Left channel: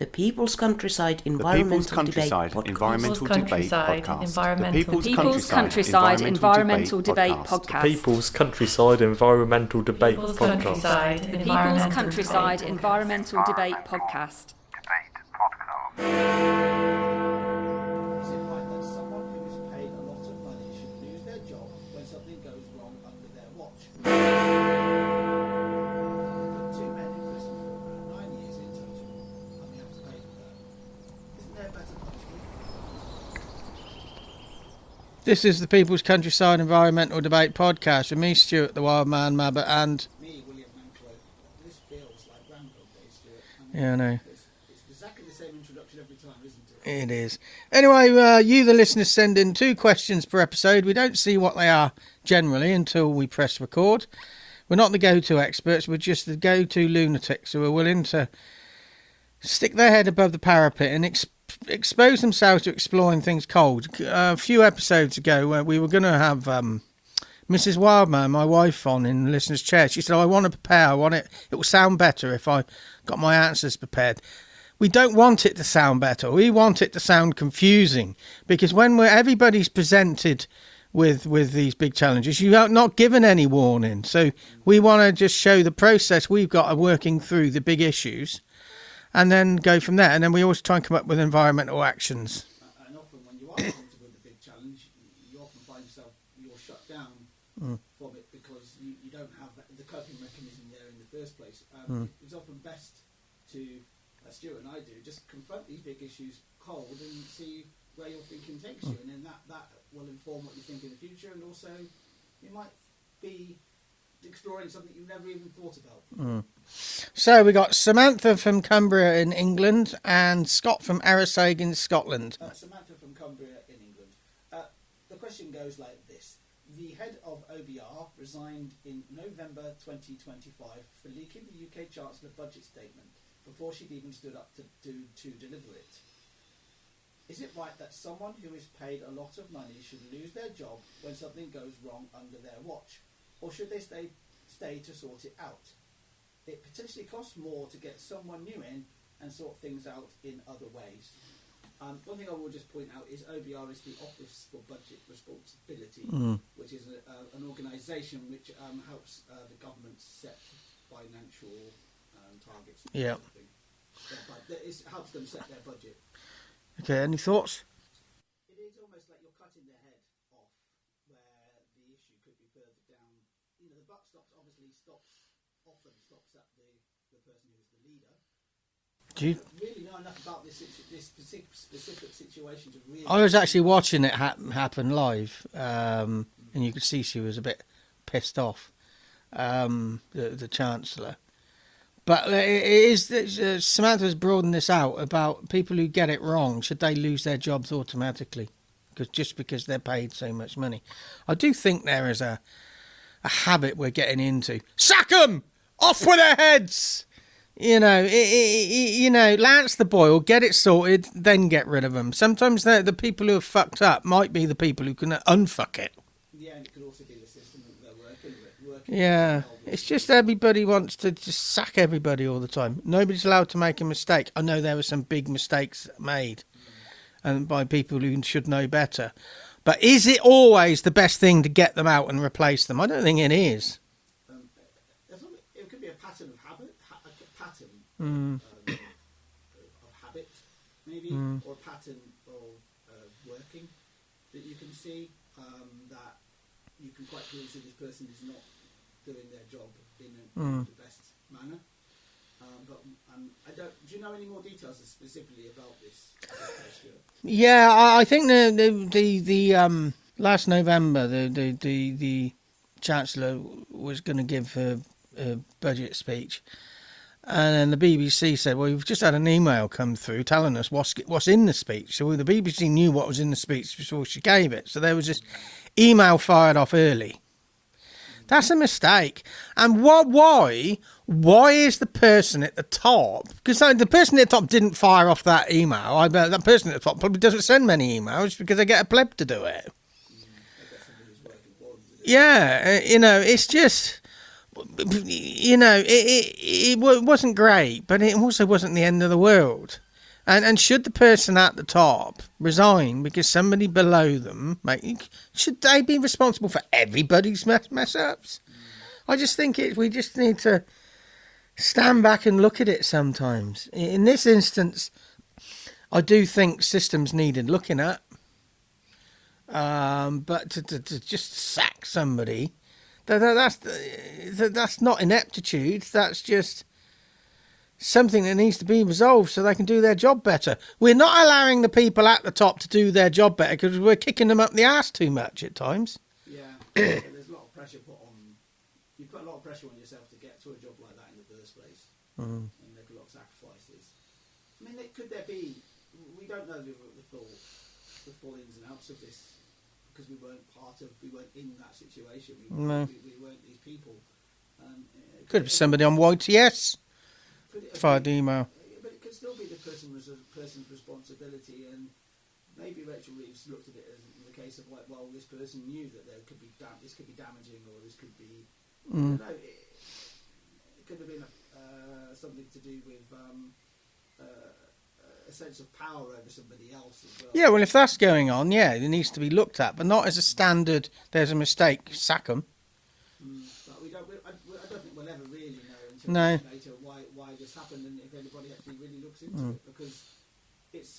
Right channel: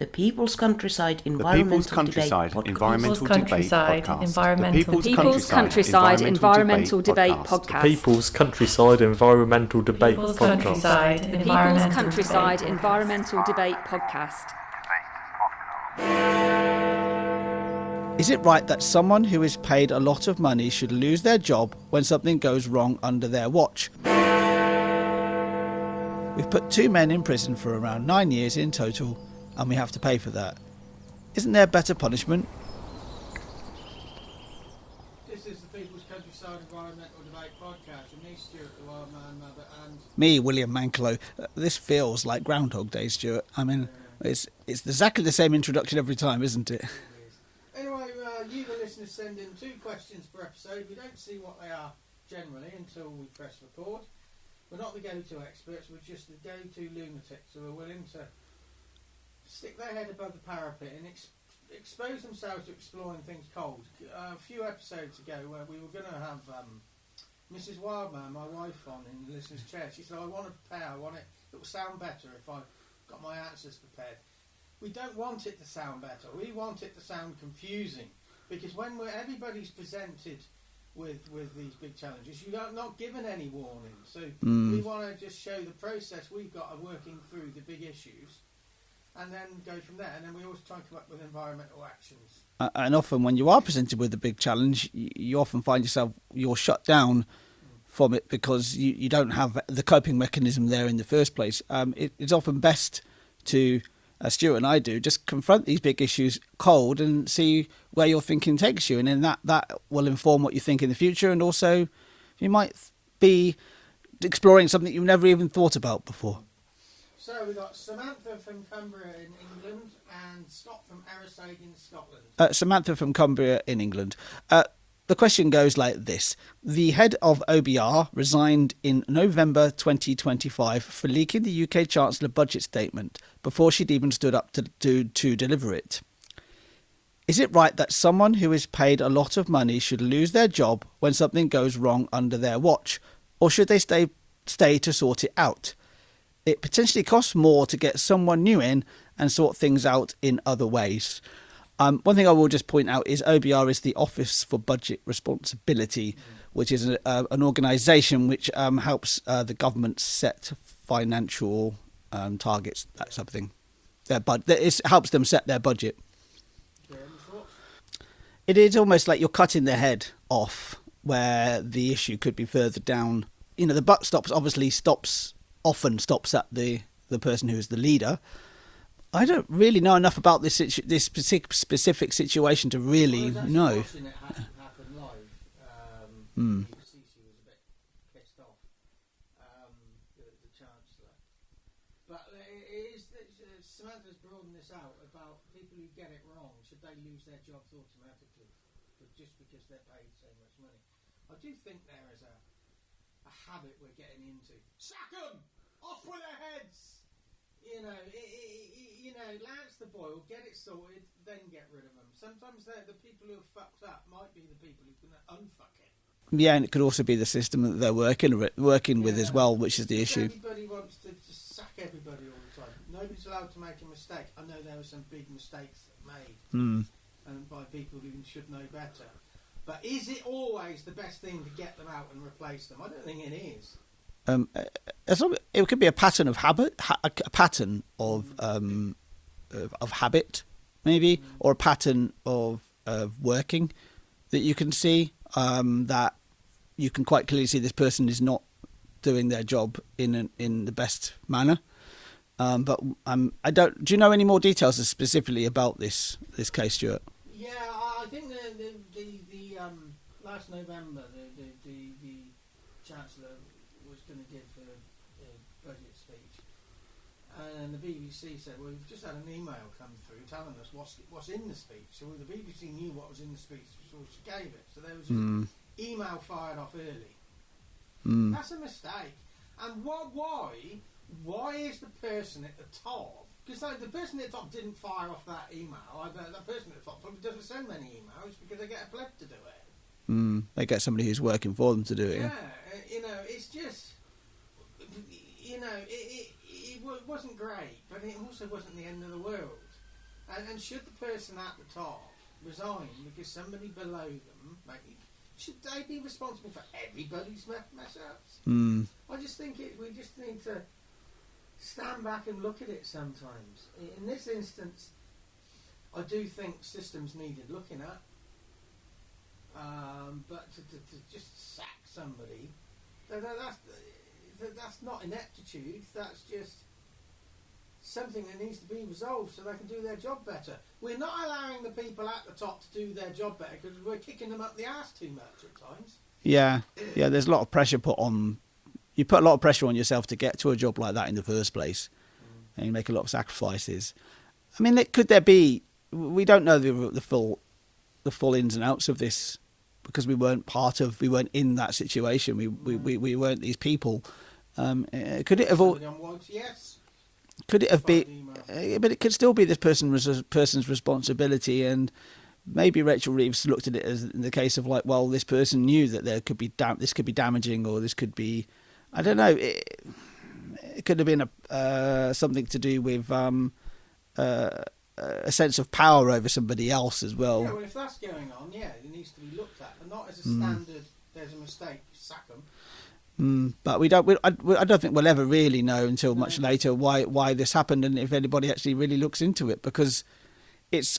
The People's Countryside The Environmental People's Countryside Debate Environmental Debate Podcast. The People's Countryside Environmental Debate Podcast. People's Countryside Environmental Debate Podcast. The People's Countryside Environmental Debate Podcast. Is it right that someone who is paid a lot of money should lose their job when something goes wrong under their watch? We've put 2 men in prison for around 9 years in total, and we have to pay for that. Isn't there better punishment? This is the People's Countryside Environmental Debate Podcast with me, Stuart, the Wildman, Mabbott, and me, William Manklow. This feels like Groundhog Day, Stuart. I mean, yeah, I know. It's exactly the same introduction every time, isn't it? It is. Anyway, you, the listeners, send in 2 questions per episode. We don't see what they are generally until we press record. We're not the go-to experts. We're just the go-to lunatics who are willing to stick their head above the parapet and expose themselves to exploring things cold. A few episodes ago, where we were going to have Mrs. Wildman, my wife, on in the listener's chair. She said, I want to prepare. It will sound better if I got my answers prepared. We don't want it to sound better. We want it to sound confusing, because when everybody's presented with these big challenges, you are not given any warning. So we want to just show the process we've got of working through the big issues, and then go from there. And then we always try and come up with environmental actions. And often when you are presented with a big challenge, you often find yourself, you're shut down from it because you don't have the coping mechanism there in the first place. It's often best to, as Stuart and I do, just confront these big issues cold and see where your thinking takes you. And then that will inform what you think in the future. And also you might be exploring something you've never even thought about before. So we got Samantha from Cumbria in England and Scott from Arisaig in Scotland. Samantha from Cumbria in England. The question goes like this. The head of OBR resigned in November 2025 for leaking the UK Chancellor budget statement before she'd even stood up to deliver it. Is it right that someone who is paid a lot of money should lose their job when something goes wrong under their watch? Or should they stay to sort it out? It potentially costs more to get someone new in and sort things out in other ways. One thing I will just point out is OBR is the Office for Budget Responsibility, which is an organisation which helps the government set financial targets, that sort of thing. It helps them set their budget. Okay, any thoughts? It is almost like you're cutting their head off where the issue could be further down. You know, the buck often stops at the person who is the leader. I don't really know enough about this specific situation to really I was actually know. watching it happen live, and you could see she was a bit pissed off, the Chancellor. But it is Samantha's broadened this out about people who get it wrong. Should they lose their jobs automatically because they're paid so much money? I do think there is a habit we're getting into. Sack 'em! Off with their heads! Lance the boil, get it sorted, then get rid of them. Sometimes the people who have fucked up might be the people who can unfuck it. Yeah, and it could also be the system that they're working with as well, which is the issue. It's just everybody wants to just sack everybody all the time. Nobody's allowed to make a mistake. I know there were some big mistakes made, and by people who should know better. But is it always the best thing to get them out and replace them? I don't think it is. It could be a pattern of habit, a pattern of habit, maybe, or a pattern of working that you can see that you can quite clearly see this person is not doing their job in the best manner. But I don't. Do you know any more details specifically about this case, Stuart? Yeah, I think the last November the Chancellor was going to give a budget speech, and then the BBC said, "Well, we've just had an email come through telling us what's in the speech." So the BBC knew what was in the speech before she gave it. So there was this email fired off early. That's a mistake. And why is the person at the top? Because the person at the top didn't fire off that email. I bet that person at the top probably doesn't send many emails because they get a pleb to do it. They get somebody who's working for them to do it. Yeah, it's just, it wasn't great, but it also wasn't the end of the world. And should the person at the top resign because somebody below them, should they be responsible for everybody's mess ups? I just think we just need to stand back and look at it sometimes. In this instance, I do think systems needed looking at. But to just sack somebody, that's not ineptitude. That's just something that needs to be resolved so they can do their job better. We're not allowing the people at the top to do their job better because we're kicking them up the arse too much at times. Yeah, there's a lot of pressure put on. You put a lot of pressure on yourself to get to a job like that in the first place, and you make a lot of sacrifices. I mean, could there be? We don't know the full ins and outs of this because we weren't in that situation. We weren't these people. Could it have somebody on YTS? Could it have been? Email. But it could still be this person's responsibility, and maybe Rachel Reeves looked at it as in the case of like, well, this person knew that there could be this could be damaging, or this could be, I don't know. It could have been something to do with a sense of power over somebody else as well. Yeah, well, if that's going on, it needs to be looked at, but not as a standard. There's a mistake, sack them. But I don't think we'll ever really know until much later why this happened, and if anybody actually really looks into it, because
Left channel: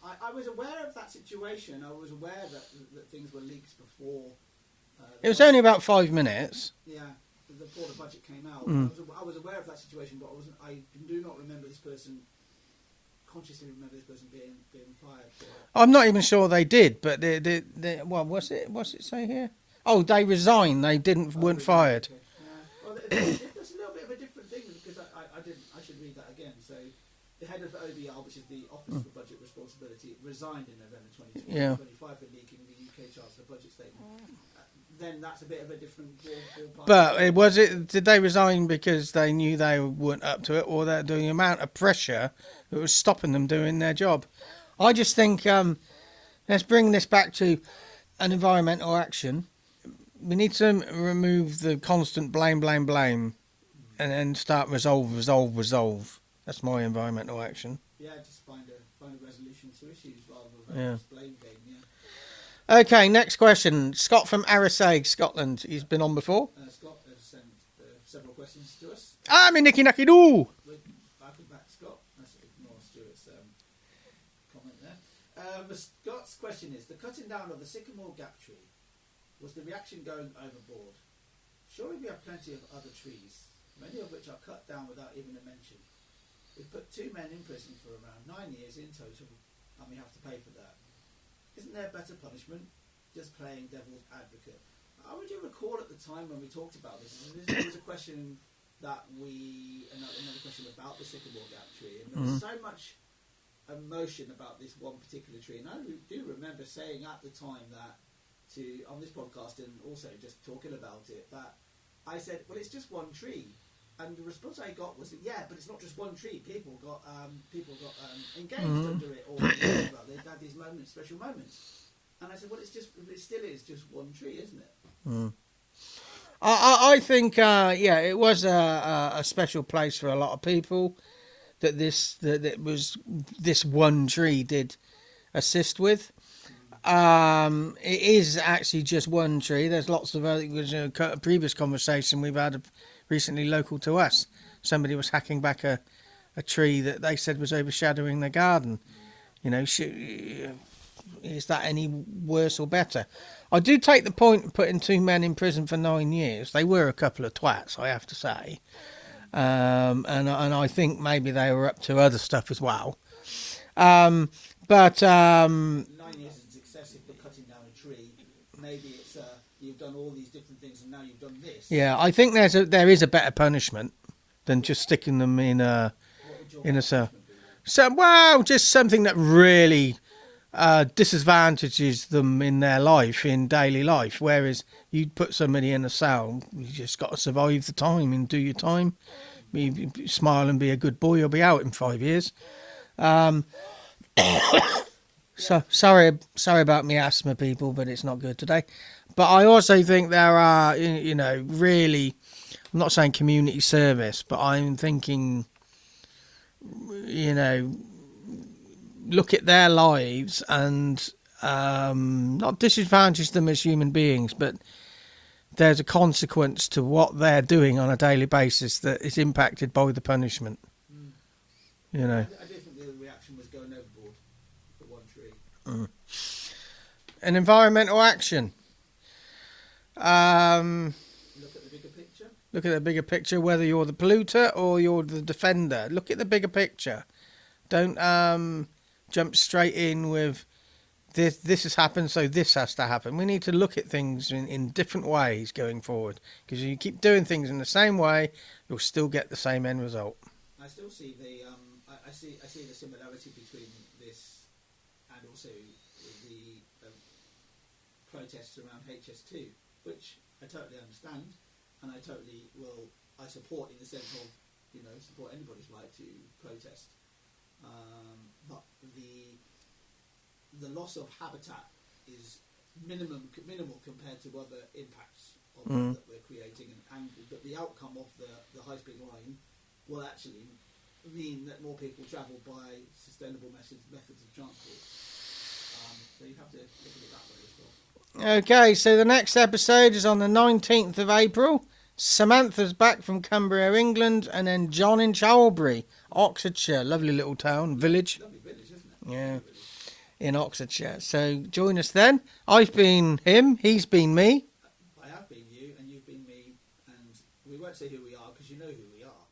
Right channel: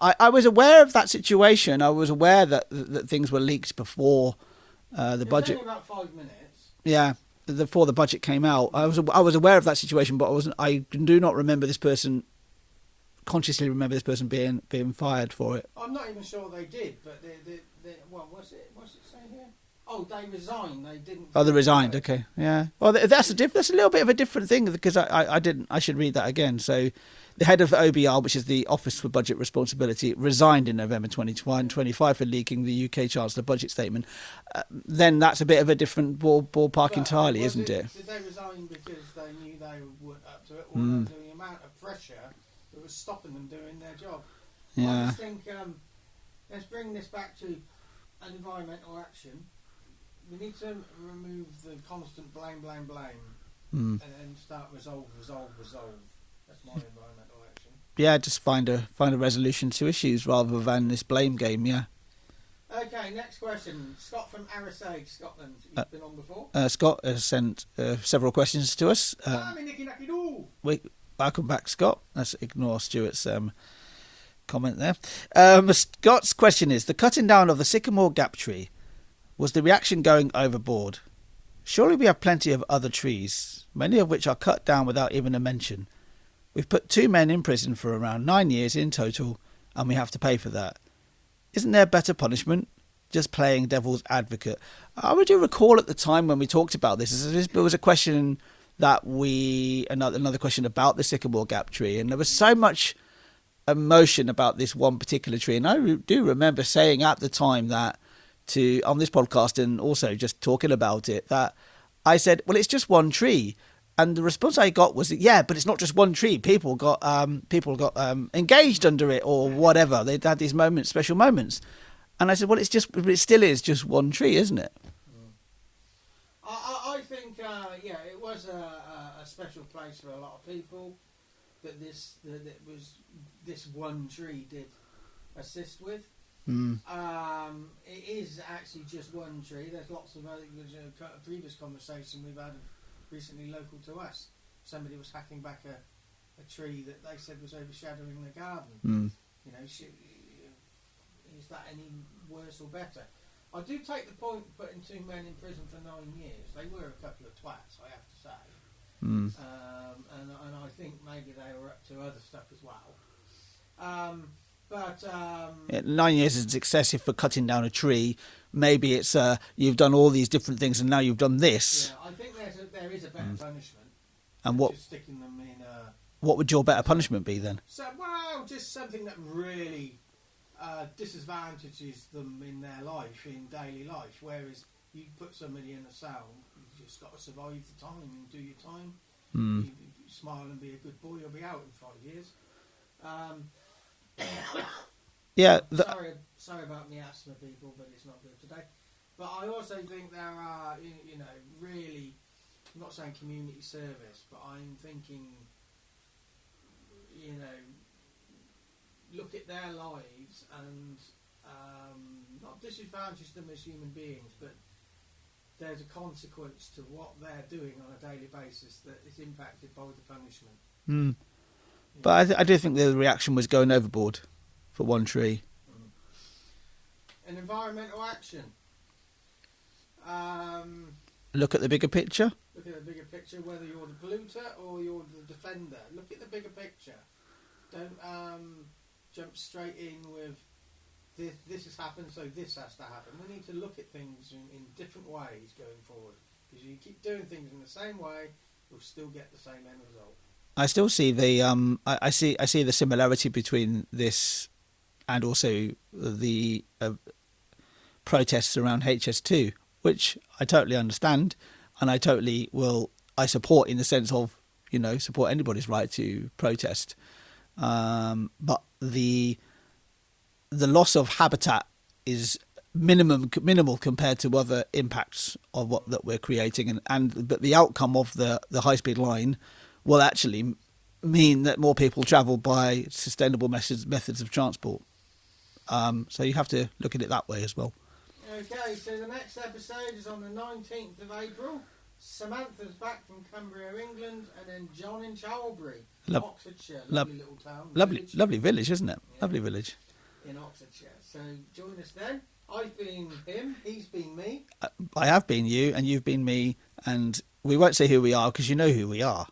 I was aware of that situation. I was aware that things were leaked before the budget. It was only about 5 minutes. Yeah, before the budget came out. I was aware of that situation, but I do not remember this person. Consciously remember this person being fired for it. I'm not even sure they did, but what's it say here? Oh, they resigned. They didn't. Oh, they resigned. Fired. Okay, yeah. Well, that's a little bit of a different thing because I didn't. I should read that again. So, the head of OBR, which is the Office for Budget Responsibility, resigned in November 2025 for leaking the UK Chancellor budget statement. Then that's a bit of a different ballpark entirely. But did they resign because they knew they weren't up to it, or that the amount of pressure that was stopping them doing their job? Yeah. I just think let's bring this back to an environmental action. We need to remove the constant blame, and then start resolve. That's my environmental action. Yeah, just find a resolution to issues rather than this blame game. Yeah. Okay, next question. Scott from Arisaig, Scotland. He's been on before. Scott has sent several questions to us. I'm in Nicky Nacky Doo. Welcome back, Scott. Let's ignore Stuart's comment there. Scott's question is: the cutting down of the sycamore gap tree, was the reaction going overboard? Surely we have plenty of other trees, many of which are cut down without even a mention. We've put 2 men in prison for around 9 years in total, and we have to pay for that. Isn't there better punishment? Just playing devil's advocate. I do recall at the time when we talked about this, there was a question that another question about the sycamore gap tree, and there was so much emotion about this one particular tree, and I do remember saying at the time that on this podcast, and also just talking about it, that I said, well, it's just one tree. And the response I got was, yeah, but it's not just one tree. People got engaged under it or whatever. They had these moments, special moments. And I said, well, it still is just one tree, isn't it? I think, it was a special place for a lot of people that this one tree did assist with. It is actually just one tree. There's lots of other. A previous conversation we've had recently local to us. Somebody was hacking back a tree that they said was overshadowing their garden. Is that any worse or better? I do take the point of putting 2 men in prison for 9 years. They were a couple of twats, I have to say. And I think maybe they were up to other stuff as well. But 9 years is excessive for cutting down a tree. Maybe it's you've done all these different things and now you've done this. Yeah, I think there is a better punishment than just sticking them in a. What would your better punishment be then? Just something that really disadvantages them in their life, in daily life. Whereas you put somebody in a cell, you just got to survive the time and do your time. You smile and be a good boy, you'll be out in 5 years. Yeah, sorry about me asthma, people, but it's not good today. But I also think there are, really, I'm not saying community service, but I'm thinking, look at their lives and not disadvantage them as human beings, but there's a consequence to what they're doing on a daily basis that is impacted by the punishment. Mm. Yeah. But I do think the reaction was going overboard for One Tree. An environmental action. Look at the bigger picture. Look at the bigger picture, whether you're the polluter or you're the defender. Look at the bigger picture. Don't jump straight in with this has happened, so this has to happen. We need to look at things in different ways going forward, because if you keep doing things in the same way, you'll still get the same end result. I still see the I see the similarity between this and also the protests around HS2, which I totally understand, and I support in the sense of, support anybody's right to protest. But the loss of habitat is minimal compared to other impacts of what that we're creating, but the outcome of the high speed line will actually mean that more people travel by sustainable methods of transport. So you have to look at it that way as well. Okay, so the next episode is on the 19th of April. Samantha's back from Cumbria, England, and then John in Chalbury, Oxfordshire. Lovely little town, village. Lovely village, isn't it? Yeah. Lovely village. In Oxfordshire. So join us then. I've been him, he's been me. I have been you, and you've been me, and we won't say who we are because you know who we are.